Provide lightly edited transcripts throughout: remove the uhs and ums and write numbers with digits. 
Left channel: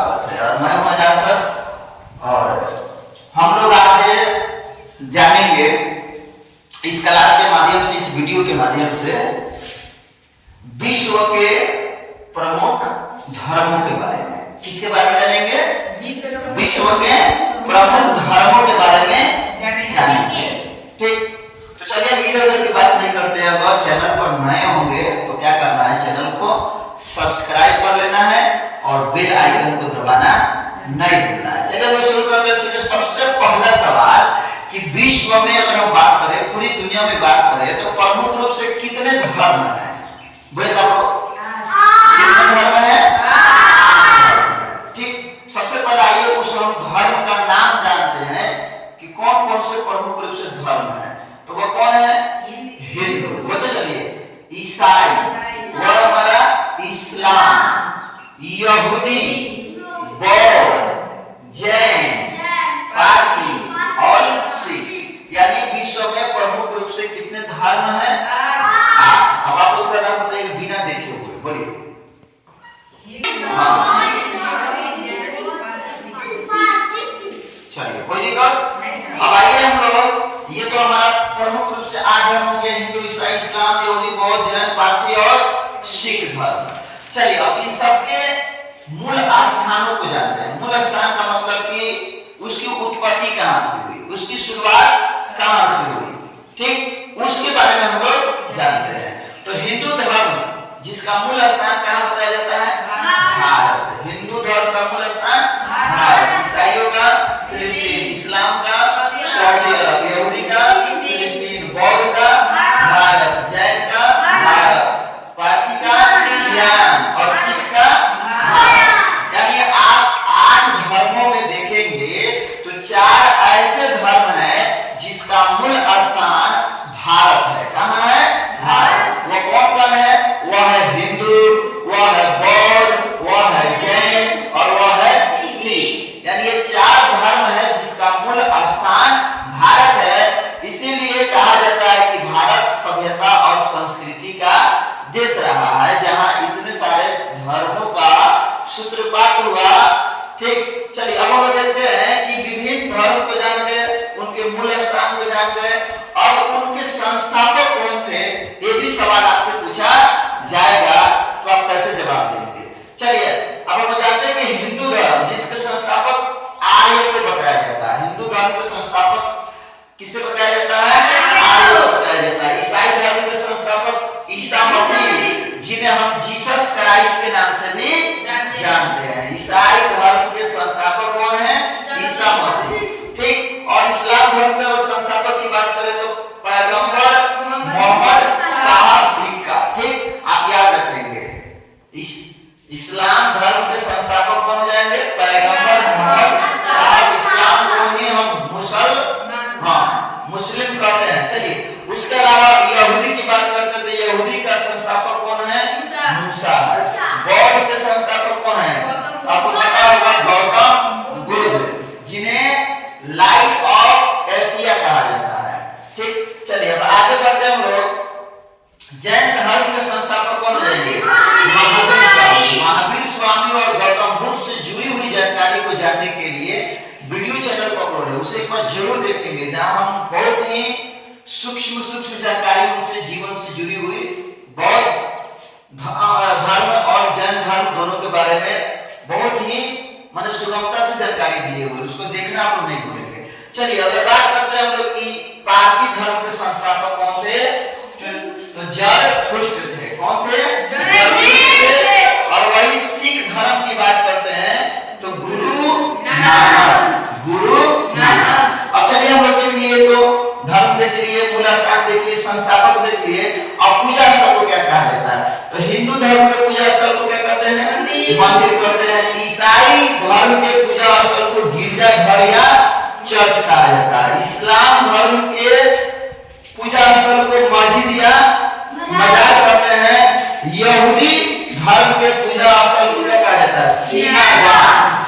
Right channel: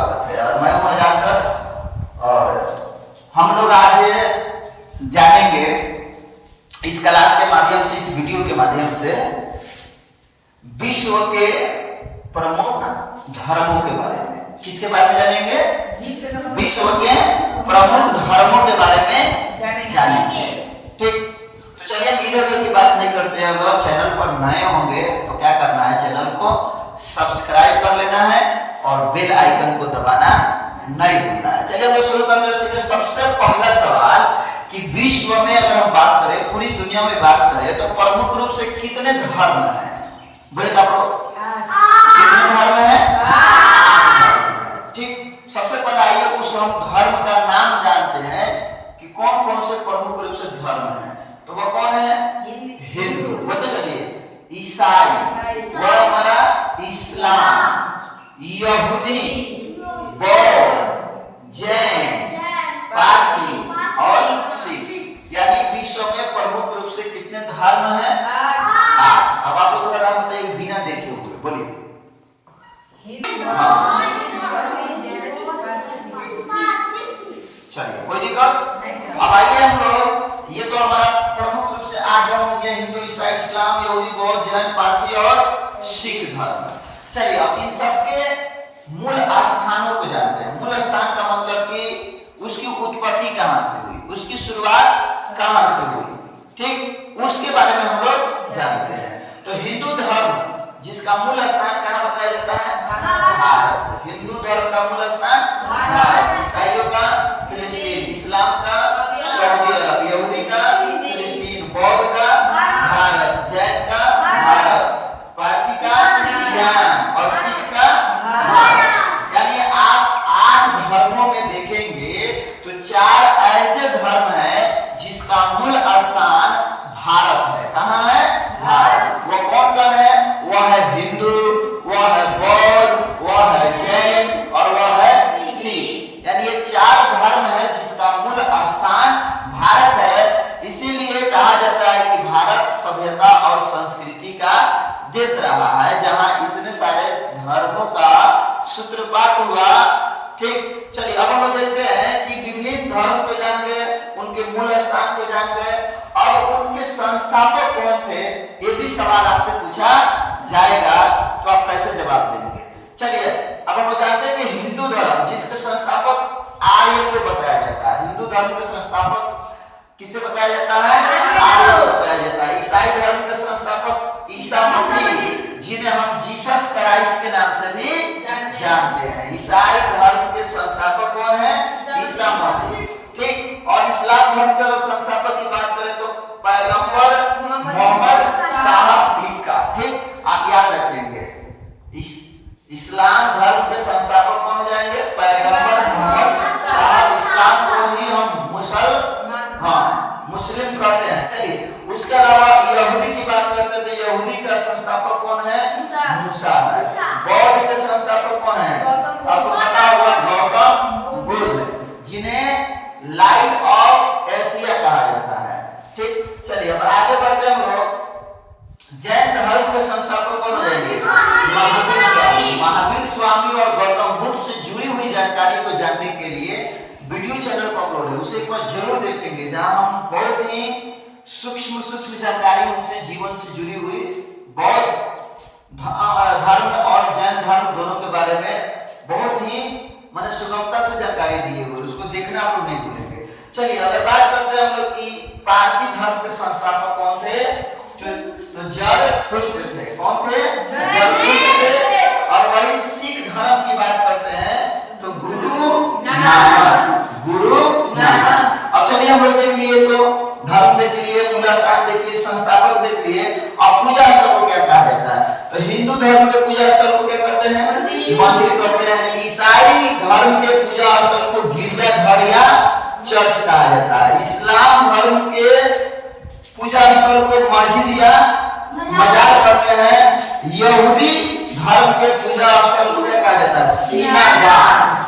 स्वागत है। और मैं हूं आजाद सर और हम लोग आज जानेंगे इस क्लास के माध्यम से, इस वीडियो के माध्यम से विश्व के प्रमुख धर्मों के बारे में। किसके बारे में जानेंगे? विश्व के प्रमुख धर्मों के बारे में जानेंगे। ठीक, तो चलिए हम इधर उधर की बात नहीं करते हैं। अगर चैनल पर नए होंगे तो क्या करना है, चैनल को सब्सक्राइब कर लेना है और बेल आइकन को दबाना नहीं भूलना है। चलिए हम शुरू करते हैं। सबसे पहला सवाल कि विश्व में अगर हम बात करें, पूरी दुनिया में बात करें तो प्रमुख रूप से कितने धर्म हैं? बोले आपको कितने धर्म हैं? ठीक, सबसे पहले आइए उस हम धर्म का नाम जानते हैं कि कौन कौन से प्रमुख रूप से धर्म है। तो वो कौन है? हिंदू। बोलते चलिए ईसाई, और हमारा इस्लाम, यहूदी, बौद्ध, जैन, पारसी और सिख। यानी विश्व में प्रमुख रूप से कितने धर्म हैं? अब आप लोग थोड़ा नाम बताइए बिना देखे हुए, बोलिए। चलिए कोई दिक्कत। अब आइए हम लोग, ये तो हमारा प्रमुख रूप से 8 धर्म हो गए, हिंदू, ईसाई, इस्लाम, यहूदी, बौद्ध, जैन, पारसी और सिख धर्म। चलिए अब इन सब के मूल स्थानों को जानते हैं। मूल स्थान का मतलब कि उसकी उत्पत्ति कहां से हुई, उसकी शुरुआत कहां से हुई, ठीक, उसके बारे में हम लोग जानते हैं। तो हिंदू धर्म जिसका मूल स्थान कहां बताया जाता है? भारत। हिंदू धर्म का मूल स्थान भारत। ईसाइयों का फिलिस्तीन, इस्लाम का सऊदी अरब, यहूदी का फिलिस्तीन, बौद्ध का भारत, जैन का भारत, पारसी का ईरान और सिख का भारत। यानी आप 8 धर्मों में देखेंगे तो 4 ऐसे धर्म हैं जिसका मूल स्थान भारत है। कहां है? भारत। वो कौन कौन है? वह है हिंदू, वह है बौद्ध, वह है जैन और वह है सिख। यानी ये 4 धर्म है जिसका मूल स्थान भारत है। इसीलिए कहा जाता है कि भारत सभ्यता और संस्कृति का देश रहा है, जहां इतने सारे धर्मों का सूत्रपात हुआ। ठीक, चलिए अब हम देखते हैं कि विभिन्न धर्म को जान गए, उनके मूल स्थान को जान गए, और उनके संस्थापक कौन थे ये भी सवाल आपसे पूछा जाएगा, तो आप कैसे जवाब देंगे? चलिए अब हम जानते हैं कि हिंदू धर्म जिसके संस्थापक आर्य को बताया जाता है। हिंदू धर्म के संस्थापक किसे बताया जाता है? आर्य को बताया जाता है। ईसाई धर्म के संस्थापक ईसा मसीह, जिन्हें हम जीसस क्राइस्ट के नाम से भी जानते हैं। ईसाई धर्म के संस्थापक कौन है? ईसा मसीह। ठीक, और इस्लाम धर्म के संस्थापक की बात करें तो पैगंबर मोहम्मद साहब लिखा। ठीक, आप याद रखेंगे इस्लाम धर्म के संस्थापक कौन हो जाएंगे? पैगंबर मोहम्मद साहब। इस्लाम को ही हम मुस्लिम कहते हैं। चलिए उसके अलावा यहूदी की बात करते हैं तो यहूदी का संस्थापक कौन है? मूसा है। बौद्ध के संस्थापक कौन है? आपको पता होगा गौतम बुद्ध, जिन्हें लाइट ऑफ एशिया कहा जाता है। ठीक, चलिए अब आगे बढ़ते हैं हम लोग। जैन धर्म के संस्थापक कौन हो जाएंगे? महावीर स्वामी। और गौतम बुद्ध से जुड़ी हुई जानकारी को जानने के लिए वीडियो चैनल पर अपलोड है, उसे एक बार जरूर देखेंगे, जहां हम बहुत ही सूक्ष्म जानकारी उनसे जीवन से जुड़ी हुई बौद्ध धर्म और जैन धर्म दोनों के बारे में बहुत ही माने सुगमता से जानकारी दी हुई, उसको देखना आप लोग नहीं भूलेंगे। चलिए अगर बात करते हैं हम लोग की पारसी धर्म के संस्थापक कौन थे? तो जरथुष्ट्र थे। कौन थे? जरथुष्ट्र थे। और वही सिख धर्म की बात करते हैं तो गुरु नानक। अब चलिए हम लोग देख लिए, तो धर्म देख लिए, मूल स्थान देख लिए, संस्थापक देख लिए। अब पूजा स्थल को क्या कहा जाता है? तो हिंदू धर्म के पूजा स्थल को क्या कहते हैं? मंदिर कहते हैं। ईसाई धर्म के पूजा स्थल को गिरजाघर या चर्च कहा जाता है। इस्लाम धर्म के पूजा स्थल को मस्जिद या मजार कहते हैं। यहूदी धर्म के पूजा स्थल को क्या कहा जाता है? सिनागाग।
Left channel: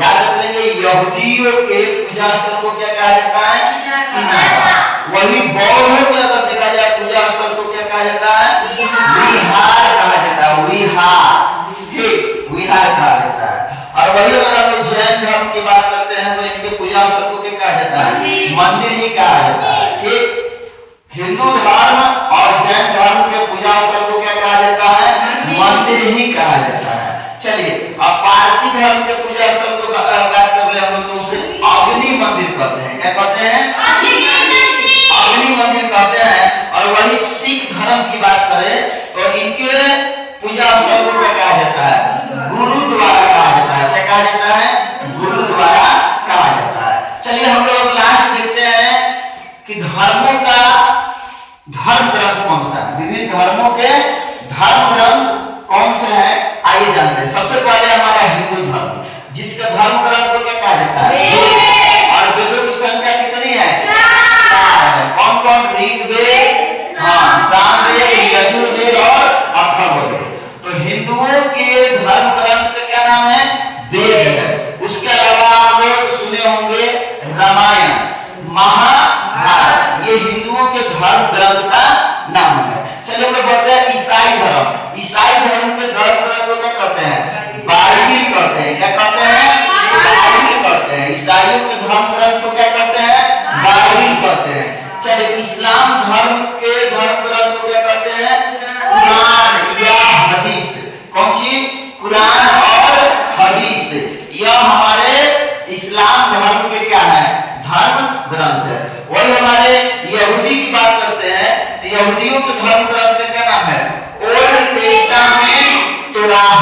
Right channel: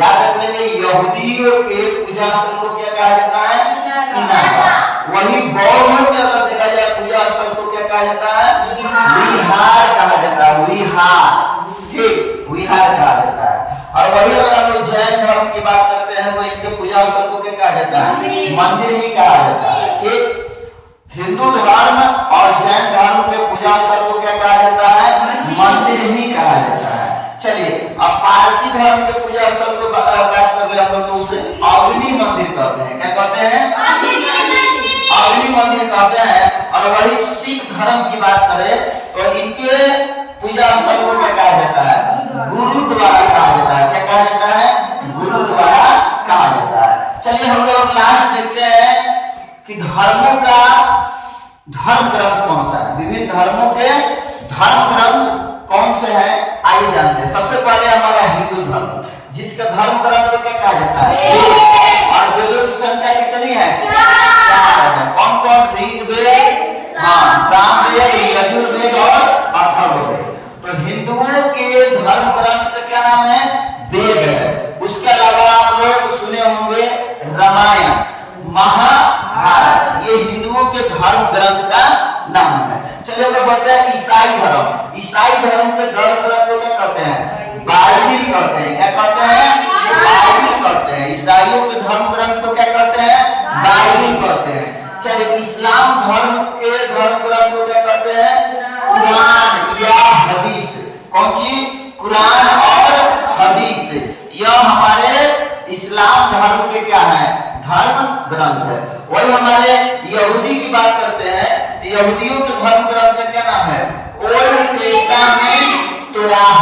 याद रख लेंगे, यहूदियों के पूजा स्थल को क्या कहा जाता है? सिनागाग। वही बौद्ध के अगर देखा जाए पूजा स्थल को क्या कहा जाता है? विहार कहा जाता है। विहार। ठीक, विहार कहा जाता है। और वही अगर हम लोग जैन धर्म की बात करते हैं तो इनके पूजा स्थल को क्या कहा जाता है? मंदिर ही कहा जाता है। ठीक, हिंदू धर्म और जैन धर्म के पूजा स्थल को क्या कहा जाता है? मंदिर ही कहा जाता है। चलिए अब पारसी धर्म के पूजा स्थल को बात कर रहे हम लोग, तो उसे अग्नि मंदिर कहते हैं। क्या कहते हैं? अग्नि मंदिर कहते हैं। और वही सिख धर्म की बात करें तो इनके पूजा स्थल को क्या कहा जाता है? गुरुद्वारा कहा जाता है। क्या कहा जाता है? गुरुद्वारा कहा जाता है। चलिए हम लोग लास्ट देखते हैं कि धर्मों का धर्म ग्रंथ कौन सा है? विभिन्न धर्मों के धर्म ग्रंथ कौन से हैं? आइए जानते हैं। सबसे पहले हमारा हिंदू धर्म, जिसका धर्म ग्रंथ को क्या कहा जाता है? और वेदों की संख्या कितनी है? 4 है। कौन कौन? ऋग्वेद, सामवेद, यजुर्वेद और अथर्ववेद। तो हिंदुओं के धर्म ग्रंथ का क्या नाम है? वेद है। उसके अलावा आप लोग सुने होंगे रामायण, महाभारत, ये हिंदुओं के धर्म ग्रंथ का नाम है। चलिए हम बढ़ते हैं ईसाई धर्म। ईसाई धर्म के धर्म ग्रंथ को क्या कहते हैं? बाइबिल कहते हैं। क्या कहते हैं? बाइबिल कहते हैं। ईसाइयों के धर्म ग्रंथ को क्या कहते हैं? बाइबिल कहते हैं। चलिए इस्लाम धर्म के धर्म ग्रंथ को क्या कहते हैं? कुरान या हदीस। कौन सी? कुरान और हदीस। यह हमारे इस्लाम धर्म के क्या है? धर्म ग्रंथ है। वही हमारे यहूदी की बात करते हैं, यहूदियों के धर्म ग्रंथ का क्या नाम है? Old testament Torah.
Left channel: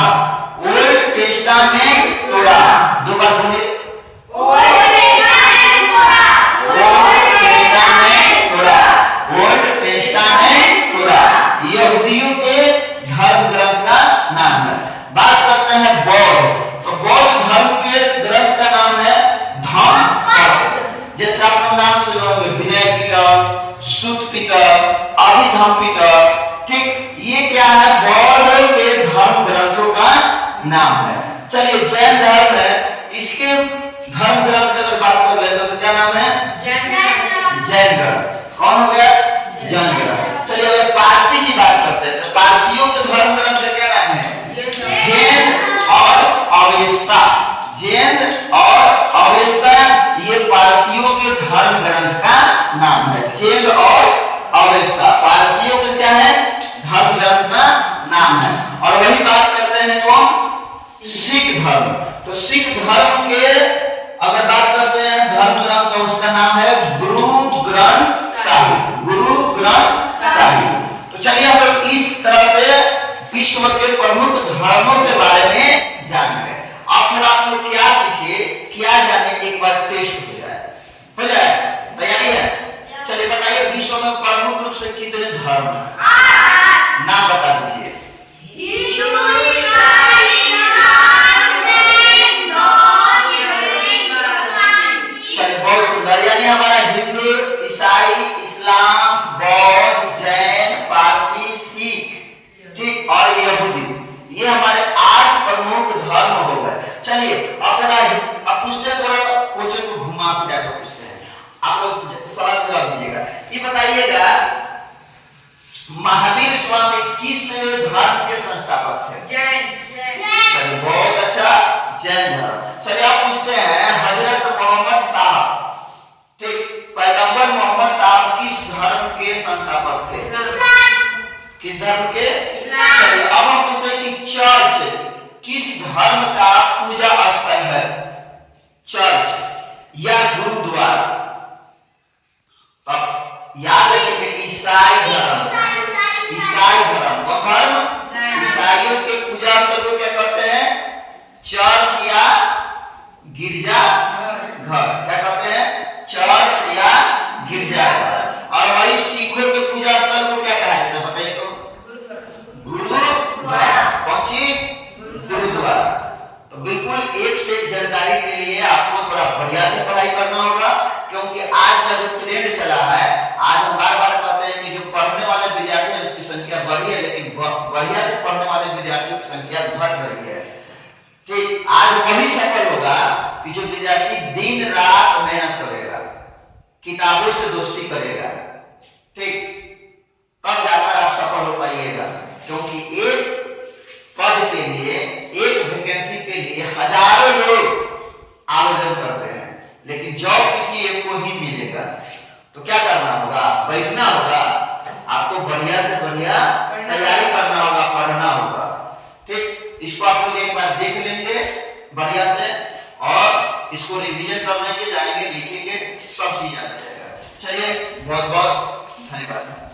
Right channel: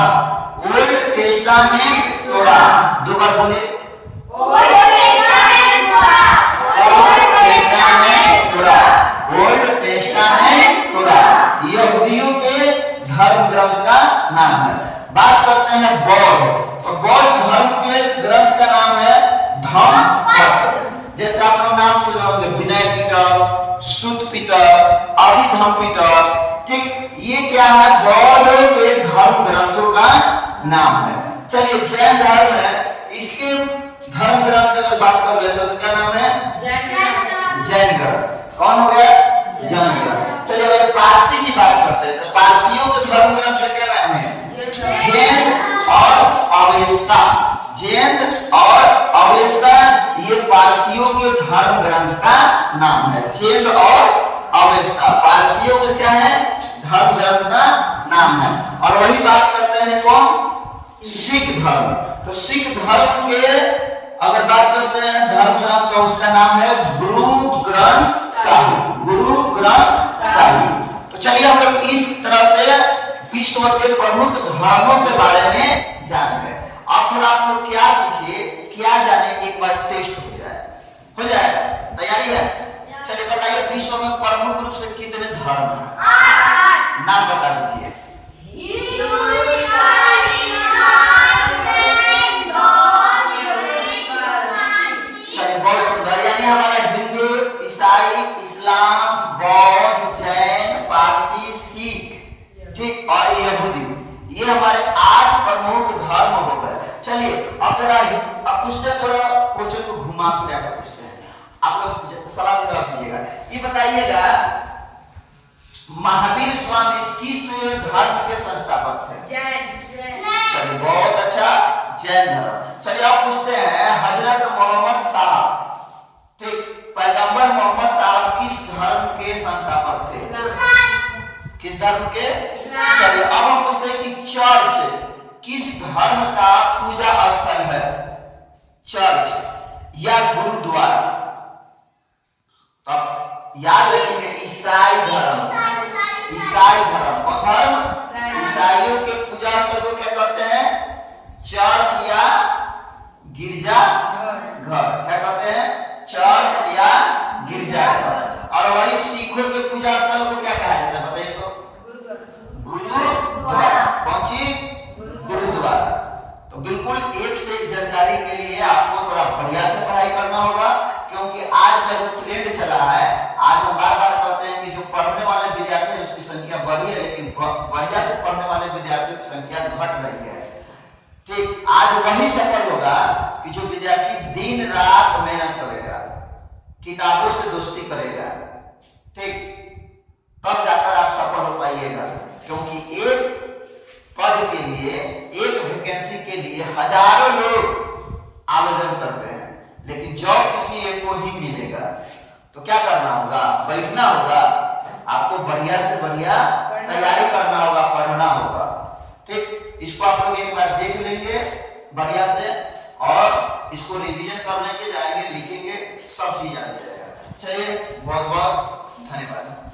Old testament Torah. दो बार बोलिए, old testament Torah. Old testament Torah यहूदियों के धर्म ग्रंथ का नाम है। बात करते हैं बौद्ध। तो बौद्ध धर्म के ग्रंथ का नाम है धम्मपद। जैसे आप लोग नाम सुने होंगे विनय पिटक, सुत पिटक, अभिधम्म पिटक। ठीक, ये क्या है? बौद्ध के धर्म ग्रंथों का नाम है। चलिए जैन धर्म है, इसके धर्म ग्रंथ की अगर बात कर ले तो क्या नाम है? जैन ग्रंथ। कौन हो गया? जैन ग्रंथ। चलिए अगर पारसी की बात करते हैं तो पारसियों के धर्म ग्रंथ का क्या नाम है? जैन और अवेस्ता। जैन और अवेस्ता ये पारसियों के धर्म ग्रंथ का नाम है। जैन और अवेस्ता पारसियों के क्या है? धर्म ग्रंथ का नाम है। और वही बात करते हैं कौन? सिख धर्म। तो सिख धर्म के अगर बात करते हैं धर्म ग्रंथ तो उसका नाम है गुरु ग्रंथ साहिब। गुरु ग्रंथ साहिब। तो चलिए हम लोग इस तरह से विश्व के प्रमुख धर्मों के बारे में जान गए। अब थोड़ा आप लोग क्या सीखे, क्या जाने, एक बार टेस्ट हो जाए। तैयारी है? चलिए बताइए विश्व में प्रमुख रूप से कितने धर्म हैं? नाम बता दीजिए। चलिए बहुत सुंदर। यानी हमारा हिंदू, ईसाई, इस्लाम, बौद्ध, जैन, पारसी, सिख, ठीक, और यहूदी, ये हमारे 8 प्रमुख धर्म हो गए। चलिए अब थोड़ा अब पूछते हैं, थोड़ा क्वेश्चन को घुमा फिरा कर पूछते हैं। आप लोग सवाल जवाब दीजिएगा। ये बताइएगा महावीर स्वामी किस धर्म के संस्थापक थे? जैन। चलिए बहुत अच्छा, जैन धर्म। चलिए आप पूछते हैं हजरत मोहम्मद साहब, ठीक, पैगंबर मोहम्मद साहब किस धर्म के संस्थापक थे? किस धर्म के? चलिए अब हम पूछते हैं कि चर्च किस धर्म का पूजा स्थल है? चर्च या गुरुद्वारा? अब याद रखेंगे ईसाई धर्म। ईसाई धर्म और धर्म ईसाइयों के पूजा स्थल को क्या कहते हैं? चर्च या गिरजा घर। क्या कहते हैं? चर्च या गिरजा घर। और वही सिखों के पूजा स्थल को क्या कहा जाता है? बताइए तो। गुरुद्वारा। कौन सी? गुरुद्वारा। तो बिल्कुल एक से एक जानकारी के लिए आपको थोड़ा बढ़िया से पढ़ाई करना होगा, क्योंकि आज का जो ट्रेंड चला है, आज हम बार बार कहते हैं कि जो पढ़ने वाले विद्यार्थी हैं उसकी संख्या बढ़ी है, लेकिन बढ़िया से पढ़ने वाले विद्यार्थियों की संख्या घट रही है। ठीक, आज वही सफल होगा कि जो विद्यार्थी दिन रात मेहनत करेगा, किताबों से दोस्ती करेगा, ठीक, तब जाकर आप सफल हो पाइएगा। क्योंकि एक पद के लिए, एक हजारों लोग आवेदन करते हैं, लेकिन जॉब किसी एक को ही मिलेगा। तो क्या करना होगा, बैठना होगा, आपको बढ़िया से बढ़िया तैयारी करना होगा, पढ़ना होगा। ठीक, इसको आप लोग एक बार देख लेंगे बढ़िया से और इसको रिवीजन कर लेंगे, जाएंगे, लिखेंगे, सब चीज आ जाएगा। चलिए, बहुत बहुत धन्यवाद।